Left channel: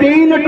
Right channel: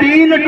3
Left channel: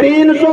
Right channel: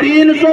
300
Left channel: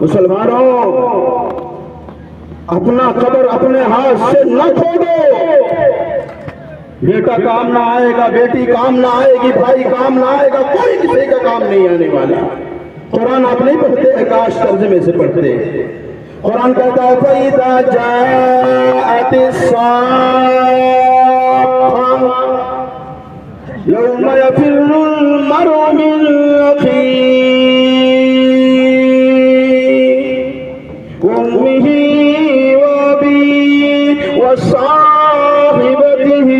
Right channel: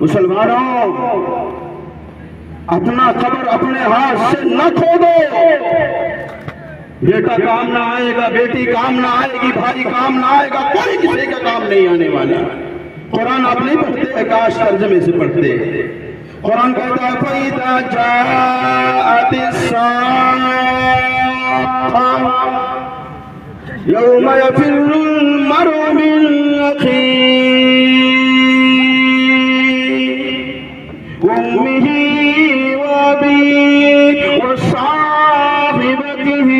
مسلمانوں، اپنا قبر اپنے ہاتھ سے نہ کھودو۔ بیٹا کام نہ آئے گا، بیٹی کام نہ آئے گی، بھائی کام نہ آئے گا، کوئی کسی کا کام نہیں آنے والا۔ قرآن آپ نہیں پڑھتے، اکاش ترجمے سے پڑھتے۔ قرآن کہتا ہے فَإِذَا جَاءَتِ السَّاعَةُ يَوْمَ يَفِرُّ الْمَرْءُ مِنْ أَخِيهِ وَأُمِّهِ وَأَبِيهِ وَصَاحِبَتِهِ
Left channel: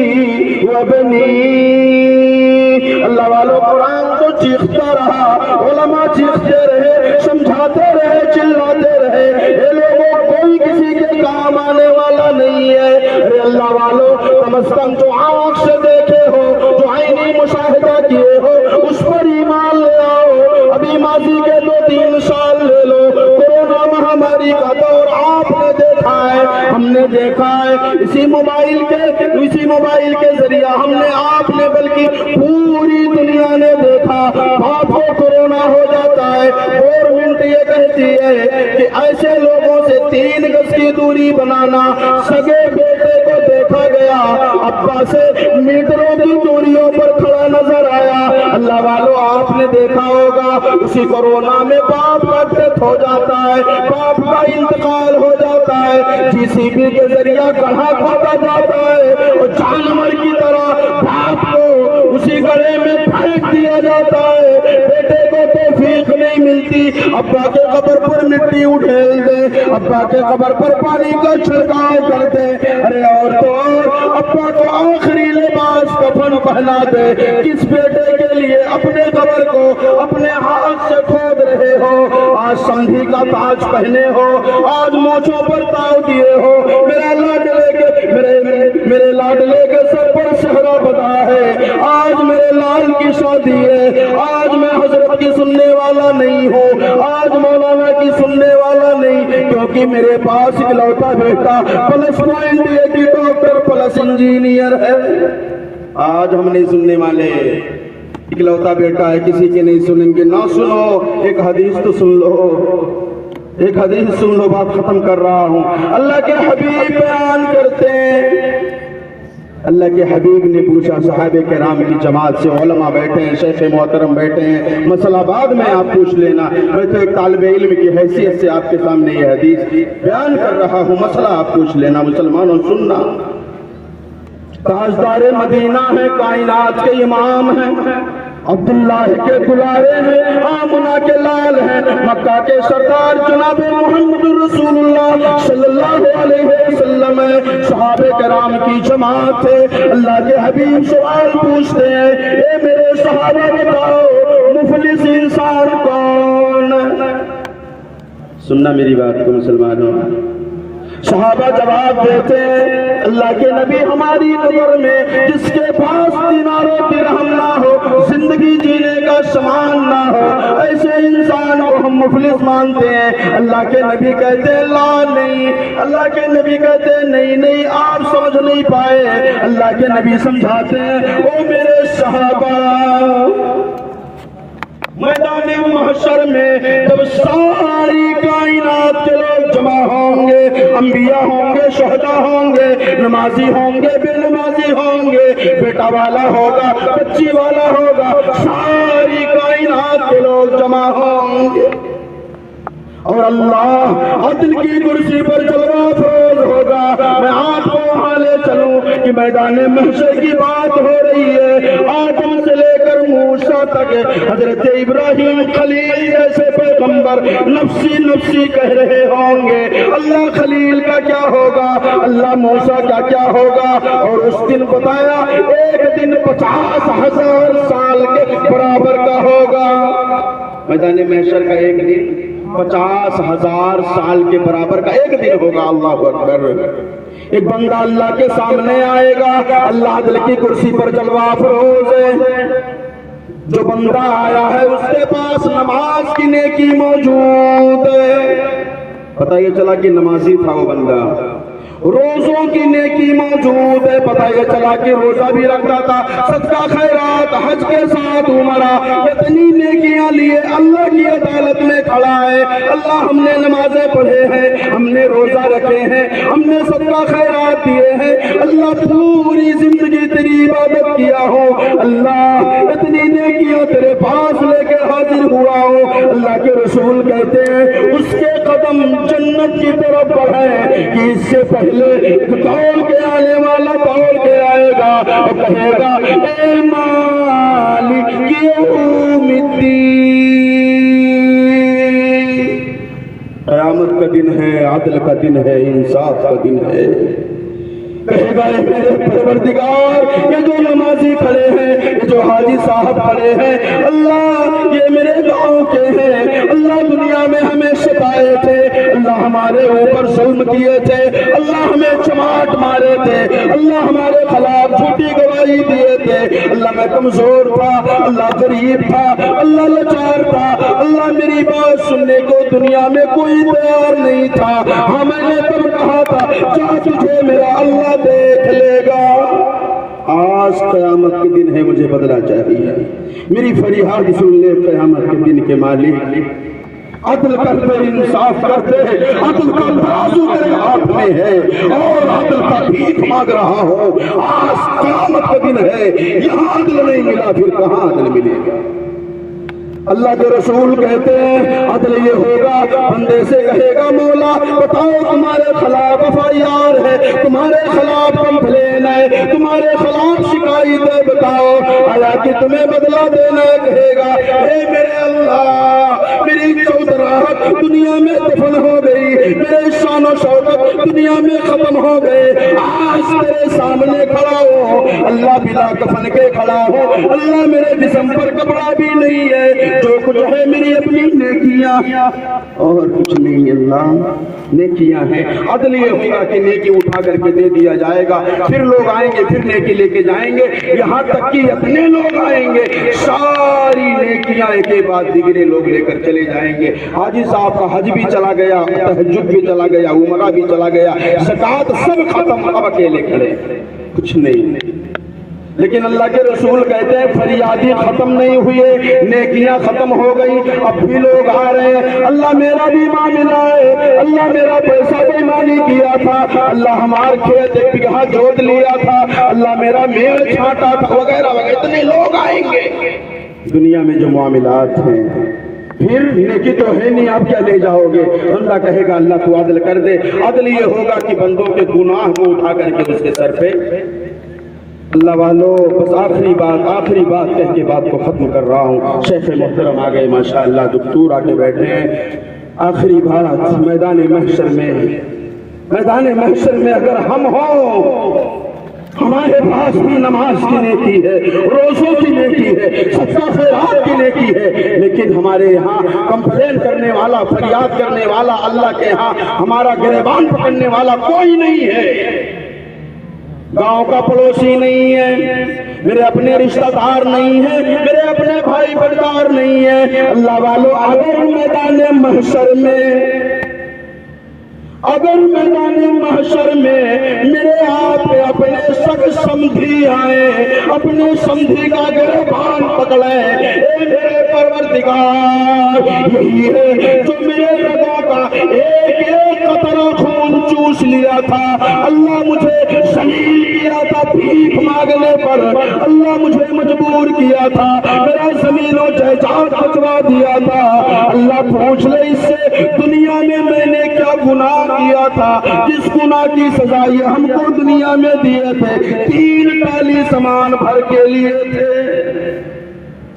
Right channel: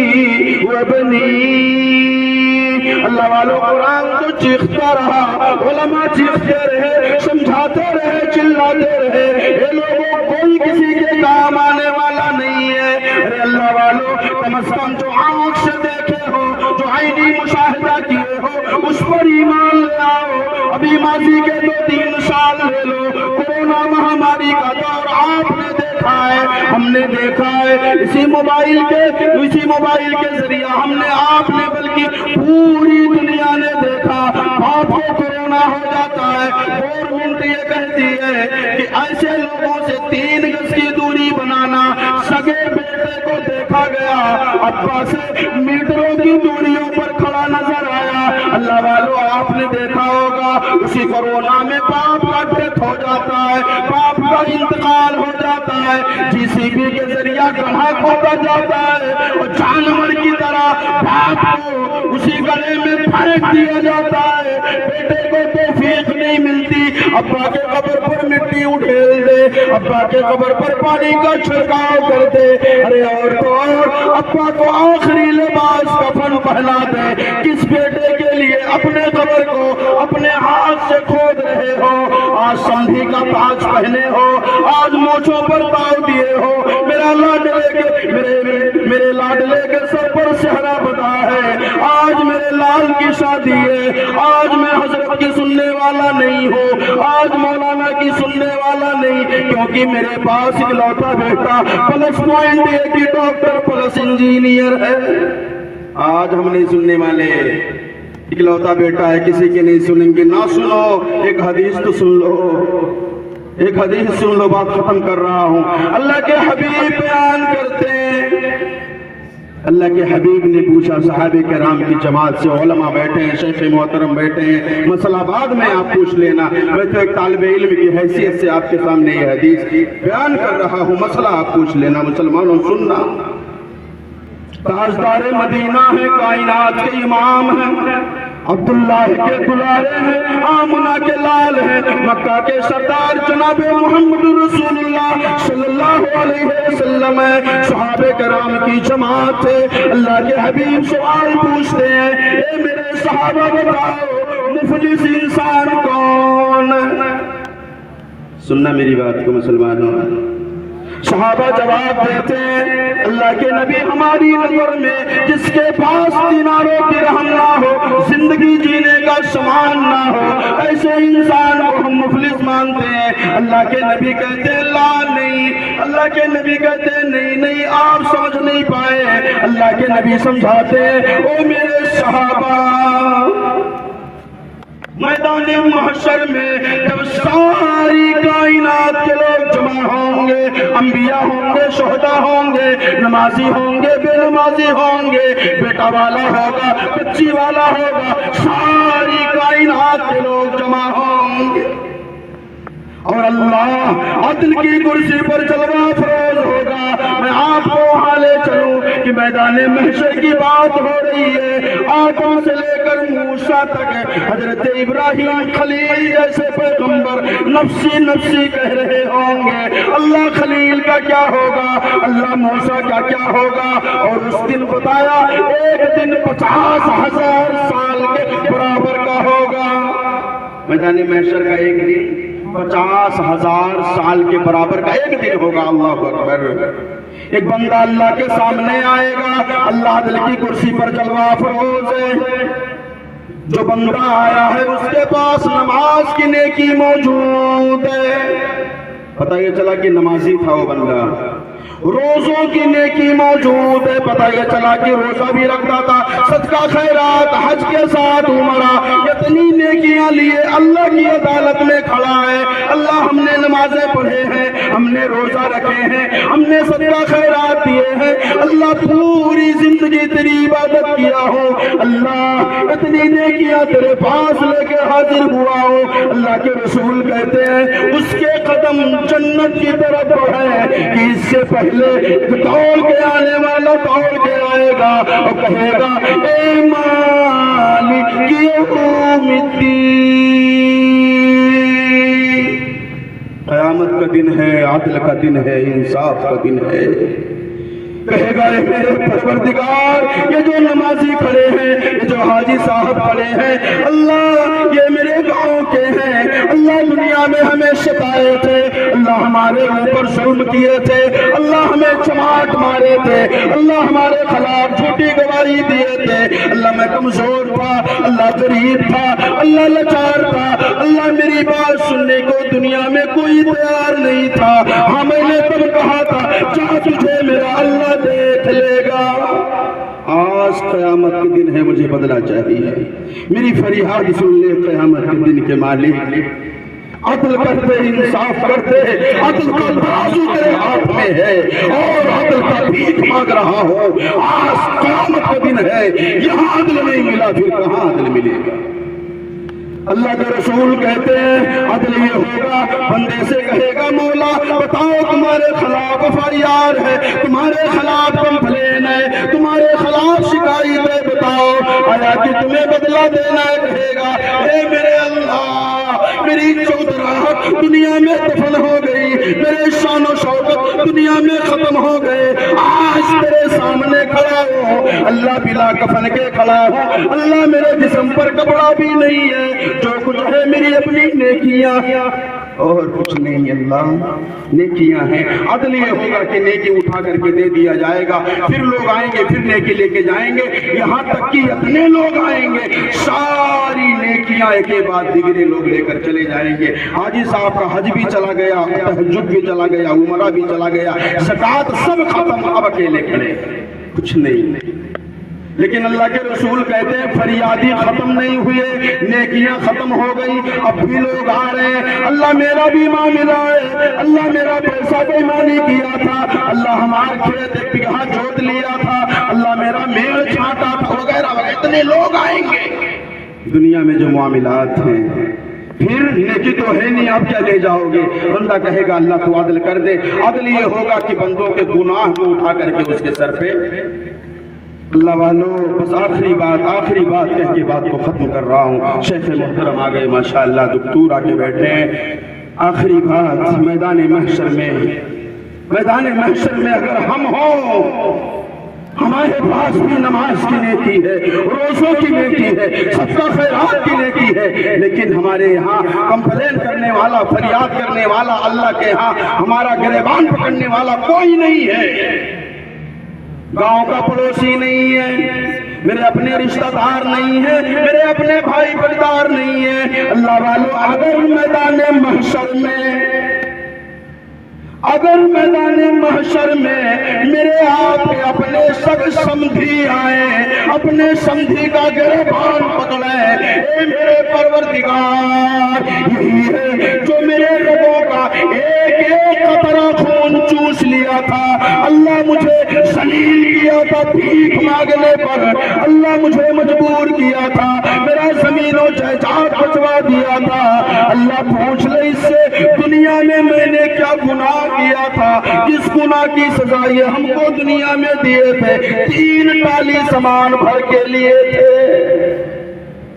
وَبَنِيهِ۔ اللہ والو، قرآن تو چیختا رہا، علماء چیختے رہے، سمجھاتے رہے، چلاتے رہے، یہ لوگوں کوئی کسی کے کام آنے والا نہیں ہے۔ ارے اللہ والو، کم از کم جو آنکھ سے دیکھے ہو، جو عینی مشاہدہ کیے ہو، اس پر ایمان لے آؤ۔ ابھی ماضی کے 2-3 سال لے لو، کورونا مہاماری کا دور آپ نے دیکھا ہے، ہم نے دیکھا ہے، اسی موبائل کے ذریعہ ہم نے، آپ نے، بلکہ پوری دنیا نے دیکھا۔ باپ کو کورونا ہو جاتا ہے، گورنمنٹ یہ کہتی ہے کہ ایسے لوگوں سے 3 گز کی دوری بنانا۔ سگے بیٹے کو دیکھا گیا ابا سے میٹروں کی دوریوں پر کھڑا نظر آیا۔ اللہ والو، آپ نے دیکھا ہوگا اسی کورونا میں باپ کا ڈیتھ ہو جاتا ہے، باپ کا انتقال ہو جاتا ہے، JCB کے ذریعہ گڑھا کھودا جاتا ہے، اور جانور کی طرح باپ کو اسی گڑھے میں پھینک دیا جاتا ہے۔ بیٹے کو توفیق نہیں ملتی ابا کے قبر پر مٹی اٹھیل دے، ابا کے قبر پر پانی کا چھڑکاؤ کر دے۔ ارے اور تو اور، ابا کو آخری لباس کفن پہنا دے۔ کس بیٹے کے لیے اپنے قبر کو اپنے ہاتھ سے کھود رہے ہو؟ آج سانڈھی کا تاج پہنے ہو، آج مونچھوں پر تاؤ دیے ہو، میرے لاڈلے کے سر پر سہرا بدا ہے، آج میرے لال کی شادی ہے، آج میں حضرت کی سننے والا نہیں ہوں، آج مولانا کی سننے والا نہیں، کیونکہ میرے پاس اکلوتا بیٹا پلس پوائنٹ کی ڈاکٹر پلس انجینئر ہے۔ آج ہم نہیں سننے والے، اکلوتا بیٹا ہے، کسی کے نہیں سنیں گے۔ نہ سنو، ایک حدیث تو سن لو، ایک حدیث سن لو، بات ختم کر رہا ہوں۔ اللہ کے حبیب بیان کرتے ہیں، اللہ کے حبیب نے پوچھا، صحابہ کرام کی جماعت سے، علماء بیٹھے ہیں، شیخ محترم بیٹھے ہیں، مسئلہ بعد میں آپ پوچھ لینا، میں تو ایک طالب علم کی حیثیت سے آپ کے سامنے یہ حدیث بیان کر رہا ہوں، مسئلہ آپ پوچھ لینا۔ مسلمانوں سننا، تاجدار مدینہ ہے، کائنات کے امام ہیں، عبداللہ کے دلارے ہیں، آمنہ کے لال ہیں، مکہ کے سردار جناب محمد رسول اللہ صلی اللہ علیہ وسلم ہے، صحابہ کرام کی جماعت ہے۔ اللہ کے حبیب سوال پوچھتے ہیں، اے میرے صحابہ بتاؤ مفلس انسان کون ہے؟ سننا میری بات کو مسلمانوں۔ صحابہ جواب دیتے ہیں، اللہ کے نبی، ہماری نظر میں جس کے پاس دینار و درہم نہ ہو، زندگی جینے کا سامان نہ ہو، ایسے انسان کو ہم مفلس مانتے ہیں۔ اللہ کے نبی کہتے ہیں لا نہیں، اللہ کے نبی کہتے ہیں نہیں، آپ سمجھ نہیں پائے۔ اللہ کے نبی سمجھاتے ہیں، او میرے صحابہ، میدان محشر میں جب ساری کائنات کے لوگ جمع ہوں گے، انبیاء ہوں گے، شہداء ہوں گے، نمازی ہوں گے، بے نمازی ہوں گے، بیٹا والا ہوگا، بچی والا ہوگا، ساری کائنات کے لوگ جمع ہوں گے، اور اللہ عدل کی کرسی پر جلوہ افروز ہوگا۔ میں آپ کو وہاں لے چلوں کہ میدان محشر کی بات ہو رہی ہے، آدم سے لے کر موسیٰ تک، حضرت ابراہیم خلیل جیسے پیغمبر نفسی نفسی کہہ رہے ہوں گے۔ اللہ خلیل کا کیا ہوگا، اللہ موسیٰ کا کیا ہوگا؟ اور اس دن بتایا ایک دن 50,000 سال کے برابر کا ہوگا۔ میدان محشر کا ایک دن 50,000 سال کے برابر کا ایک دن ہوگا۔ اللہ اکبر۔ ایک بندہ اللہ کے سامنے آئے گا، اللہ عدل کی کرسی پر جلوہ افروز ہے، جو بندہ آیا ہے اس کے پاس نماز کی نیکی موجود ہے، پتہ یہ چلا کہ نمازی تھا وہ بندہ، روزوں کی نیکی موجود ہے. پتہ یہ چلا کہ روزہ بھی رکھتا تھا, صدقہ خیرات, حج کے ساتھ عمرہ, اتنی نیکیاں لیے اللہ کی عدالت میں کھڑا ہے. اللہ ہم نے نمازیں پڑھے ہیں, ہم نے روزہ رکھے ہیں, ہم نے صدقہ خیرات دیے ہیں, اللہ پوری زندگی تیری عبادت کیا ہوں, اللہ اتنی نیکیاں تیرے پاس لے کے حاضر ہوا ہوں. اللہ کے رسول کہتے ہیں اس کے قدم جنت کی طرف بڑھے کہ اس سے پہلے دوڑ کے آنے والا دوڑ کے آئے گا اور کہے گا اے مالک یوم الدین. قیامت کا دن ہے, عدل کا دن ہے, انصاف کا دن ہے. کہے گا اے میرے پروردگار, یہ جو نمازی کھڑے ہیں, یہ جو حاجی صاحب کھڑے ہیں, اللہ یہ میرے گاؤں کے ہیں, اللہ دنیا میں ہمیں ستائے تھے, اللہ ہمارے اوپر ظلم کیے تھے, اللہ ہمیں چماٹ مارے تھے, اللہ ہمارے خلاف جھوٹی گواہی دیے تھے, اللہ میں کمزور تھا, اللہ غریب تھا, اللہ لاچار تھا, اللہ میری بات سننے کو دنیا میں کوئی تیار نہیں تھا. ہاں میں نے تب کہا تھا جا تجھے میرا اللہ دیکھ لے گا. آج قیامت کے دن ہے, مجھے بدلہ چاہیے. میری فریاد سن لے قیامت کے دن کے مالک. عدل کرتے, انصاف کرتے, عدل کا ترازو تیرے ہاتھ میں ہے اور عدل کا بھیک مانگ رہا ہوں. آج قیامت کا دن ہے, یہاں عدل نہیں ملا پھر کہاں عدل ملے گا. اللہ کے رسول کہتے ہیں عدل یہ ہوگا, بندے سے کہے گا مولا بتاؤ تمہارے خلاف FIR ہے, تمہارے خلاف کمپلین ہے, تمہارے خلاف شکایت ہے, بتاؤ آیا کہ تمہیں بدلہ دینا ہے. کہے گا اے میرے اللہ, میری چودراہٹ دنیا میں دفن ہو گئی, میرے شان و شوکت دنیا میں ختم ہو گئے, آج تیرے سامنے کھڑا ہو, اللہ بلا کفن کے کھڑا ہو, اللہ میرے جسم پر کپڑا بھی نہیں ہے, جو کچھ ہے میری اپنی نیکیاں اور کچھ نہیں. اللہ نیکیاں ہیں. عدل یہ ہوگا کہ نیکی اٹھا کر کے دے دیا جائے گا, پھر لوگ آئیں گے, پھر نیکی لے کے جائیں گے, یہاں تک کہ اتنے لوگ آئیں گے ساری نیکیاں ایک کے بعد دیگرے لوگ لے کر چلے جائیں گے. حاجی صاحب کا حج بھی چلا گیا, تہجد بھی چلا گیا, عمرہ بھی چلا گیا, زکوٰۃ سب ختم, اب اکیلے کھڑے, کچھ نہیں. لیکن اللہ کے رسول کہتے ہیں فریادی ختم نہیں ہوئے, نیکیاں ختم ہو گئی, اب بھی لوگ آ رہے ہیں. اللہ میرا بھی معاملہ ہے, اللہ میرا پیسہ بےمانی کیا تھا, اللہ ہمارے کھیت 1 بیگھہ جوت لیا تھا, اللہ میرا میڑ چھانٹا تھا, وغیرہ وغیرہ. اتنے لوگ آئیں گے دنیا میں جو معاملات ہیں, پھر نیکی تو ہے نہیں, آپ کیا لے جاؤ گے. بندہ کہے گا اللہ تو عدل کر دے. عدل یہ ہوگا کہ بندوں کے گناہ کو اٹھا کر کے اس کے سر پہ. اللہ والو بس آخری بات کہہ کے بات کو ختم کر رہا ہوں. شیخ محترم آ گئے ماشاءاللہ, دکتور آ کے بیٹھے ہیں. آخری بات, میدان محشر میں اگر ہم ہوں, ہمارے پاس بھی نماز کی نیکی ہے, روزوں کی نیکی ہے, صدقہ خیرات کی نیکی ہے, لیکن ہمارے یہاں کمپلین کرنے والا, فریاد کرنے والا, اللہ کے ہاں ہمارا گریبان پکڑنے والا کوئی نہیں ہے. گاؤں کا پڑوسی نہیں ہے, میرے اپنے رشتہ دار نہیں ہے, میرے اپنے بھائی بردار نہیں ہے. اللہ والو اگر میدان محشر میں میرے آپ اپنے سگ سمدھی آئے, اپنے سمدھی کا گریبان پکڑے, اے میرے پروردگار یہی ہے جو میرے رگوں کا ایک ایک قطرہ خون چوس لیا تھا, اللہ مجھے ذلیل کیا تھا بھیک مانگنے پر, اللہ مجھے مجبور کیا تھا, میرا زمین و جائیداد بچوا دیا تھا. اللہ پوچھ لے اس سے دنیا میں نے کیا گناہ کیا تھا, جس گناہ کی سزا یہ ہم کو دنیا میں دیے تھے, 3 ٹالی سامان بھر کے لیے تھے.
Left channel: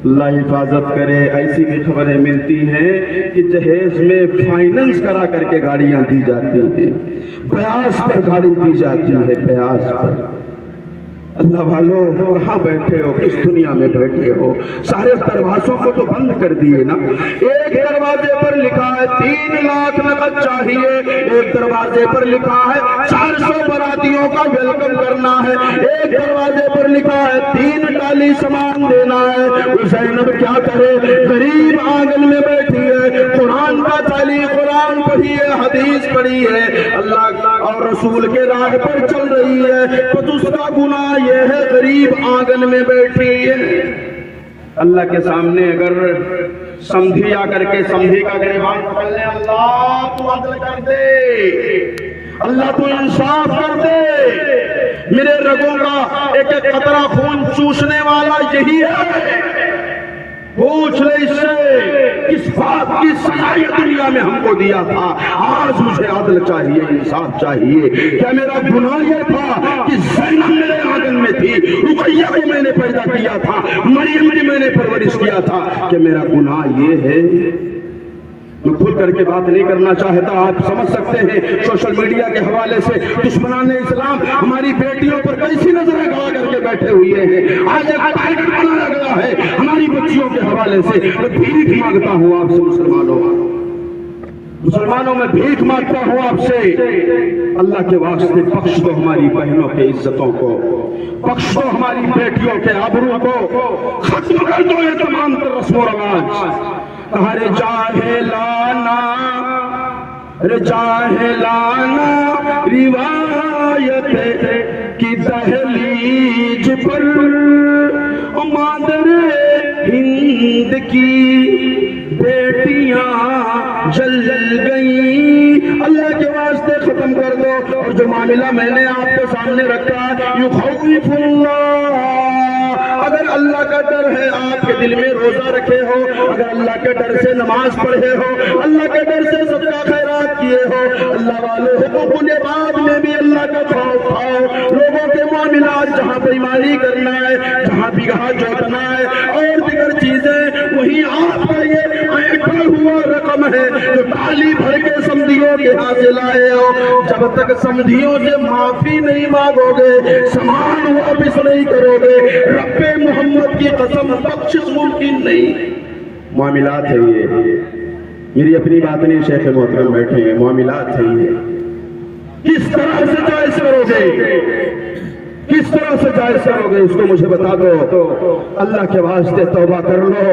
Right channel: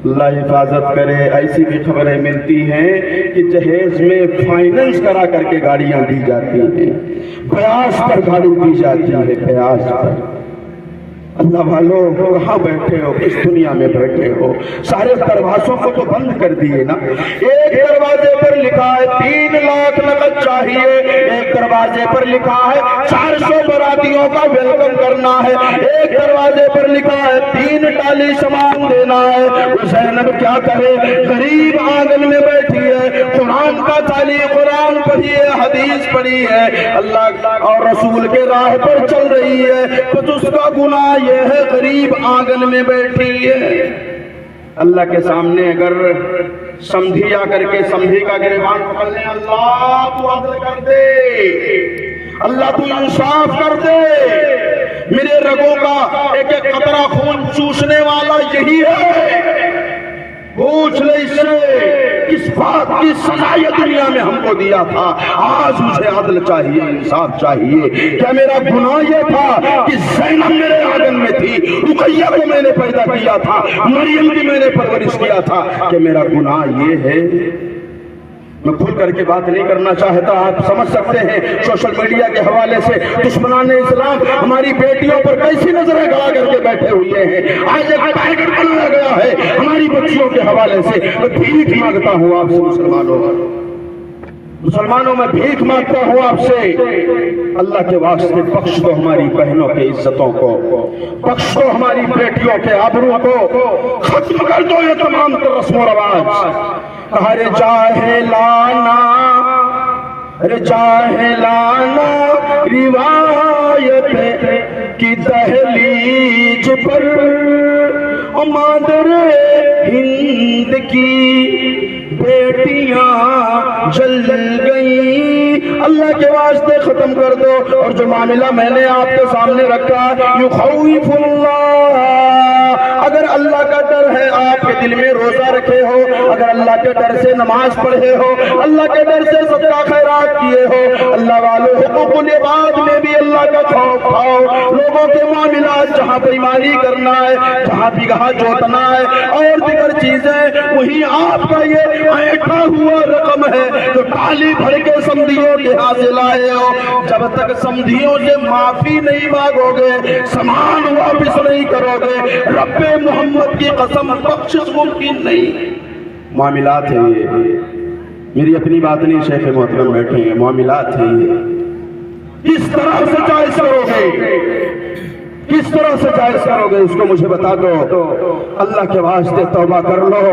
اللہ حفاظت کرے. ایسی بھی خبریں ملتی ہیں کہ جہیز میں فائننس کرا کر کے گاڑیاں دی جاتی ہیں, بیاض پر گاڑی دی جاتی ہے, بیاض پر. اللہ والو کہاں بیٹھے ہو, کس دنیا میں بیٹھے ہو؟ سارے دروازوں کو تو بند کر دیے نا. ایک دروازے پر لکھا ہے 3 لاکھ نقد چاہیے, ایک دروازے پر لکھا ہے 400 براتیوں کا ویلکم کرنا ہے, ایک دروازے پر لکھا ہے 3 ٹالی سامان دینا ہے. وہ زینب کیا کرے, غریب آنگن میں بیٹھی ہے, قرآن کا تعلیم, قرآن پڑھیے, حدیث پڑی ہے, اللہ اور رسول کے راہ پر چل رہی ہے, تو اس کا گناہ یہ ہے غریب آنگن میں بیٹھی ہے. اللہ کے سامنے اگر سمدھی آ کر کے سمدھی کا گریبان پکڑ لے, اللہ تو عدل کر دے, اللہ تو انصاف کر دے, میرے رگوں کا ایک ایک قطرہ خون چوسنے والا یہی ہے, پوچھ لے اس سے کس بات کی سزا یہ دنیا میں ہم کو دیا تھا, آج مجھے عدل چاہیے, انصاف چاہیے. کیا میرا گناہ یہ تھا کہ زینب میرے آنگن میں تھی, رقیہ کو میں نے پیدا کیا تھا, مریم کی میں نے پرورش کیا تھا, کہ میرا گناہ یہ ہے؟ میں کھل کر کے بات نہیں کرنا چاہتا, آپ سمجھ سکتے ہیں سوشل میڈیا کے حوالے سے دشمنان اسلام ہماری بیٹیوں پر کیسی نظریں گڑا کر کے بیٹھے ہوئے ہیں. آج ایک ٹارگٹ بنایا گیا ہے ہماری بچیوں کے حوالے سے. میں بھیک مانگتا ہوں آپ سے مسلمانوں, میں بھیک مانگتا ہوں آپ سے, اللہ کے واسطے بخش دو ہماری بہنوں کے عزتوں کو, بخش دو ہماری بیٹیوں کے آبرو کو, ختم کر دو یہ تمام رسم و رواج. ہر جاہلانا روایت کی دہلیج پر مادر ہند کی بیٹیاں جل گئیں. اللہ کے واسطے ختم کر دو. اور جو معاملہ میں نے آپ کے سامنے رکھا, یخوف اللہ, اگر اللہ کا ڈر ہے آپ کے دل میں, روزہ رکھے ہو, اگر اللہ کے ڈر سے نماز پڑھے ہو, اللہ کے ڈر سے صدقہ خیرات کیے ہو, اللہ والوں حقوق العباد میں بھی اللہ کا خوف کھاؤ, لوگوں کے معاملات جہاں بےایمانی کرنا ہے, جہاں بگہا جوتنا ہے اور دیگر چیزیں, وہی آپ کا یہ ایٹھا ہوا رقم ہے جو ٹالی بھر کے سمدھیوں کے ہاتھ سے لائے ہو. جب تک سمدھیوں سے معافی نہیں مانگو گے, سامان واپس نہیں کرو گے, رب محمد کی قسم بخشش ممکن نہیں. معاملات ہے یہ, میری اپنی بات نہیں, شیخ محترم بیٹھے ہیں, معاملات ہے یہ. کس طرح سے جائز کرو گے, کس طرح سے جائز کرو گے, اس کو مجھے بتا دو. اللہ کے واسطے توبہ کر لو,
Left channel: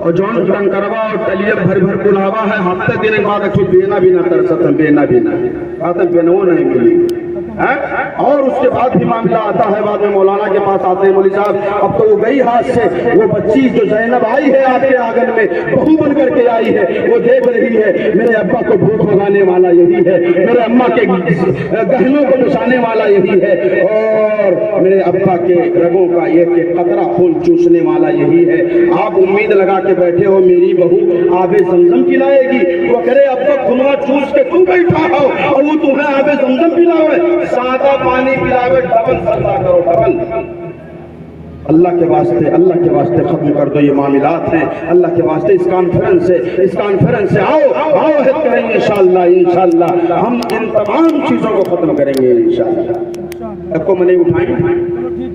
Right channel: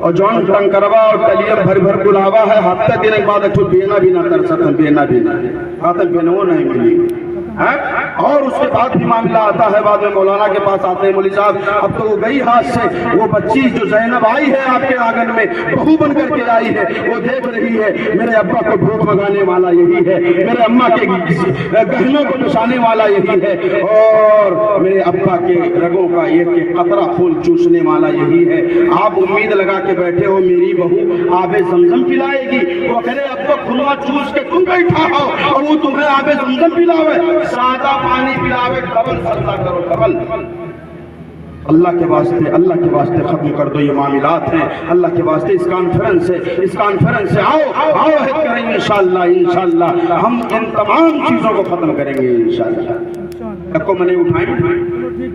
اور جون ٹنگ کروا اور ٹلیم بھر بھر بلاوا ہے, ہفتے دن بعد اچھو بینا بھی نہ کر سکتے, بینا بھی نہ آتا, بینو نہیں ملی. اور اس کے بعد بھی معاملہ آتا ہے, بعد میں مولانا کے پاس آتے ہیں, مولوی صاحب اب تو وہ گئی ہاتھ سے, وہ بچی جو زینب آئی ہے آپ کے آنگن میں, بہو بن کر کے آئی ہے, وہ دیکھ رہی ہے میرے ابا کو بھوک بھگانے والا یہی ہے, میرے اماں کے گہنوں کو بچانے والا یہی ہے, اور میرے ابا کے رگوں کا ایک قطرہ خون چوسنے والا یہی ہے. آپ امید لگا کے بیٹھے ہو میری بہو آب زمزم پلائے گی, وہ کرے ابا خنوا چوس کے تم بیٹھا ہو اور وہ تمہیں آب زمزم پلاوے, سادہ پانی پلاوے, ڈبل سجدہ کرو, ڈبل. اللہ کے واسطے ختم کر دو یہ معاملات ہیں. اللہ کے واسطے اس کانفرنس سے آؤ عہد کریں گے انشاءاللہ ہم ان تمام چیزوں کو ختم کریں گے انشاءاللہ. کو میں نہیں اٹھائیں.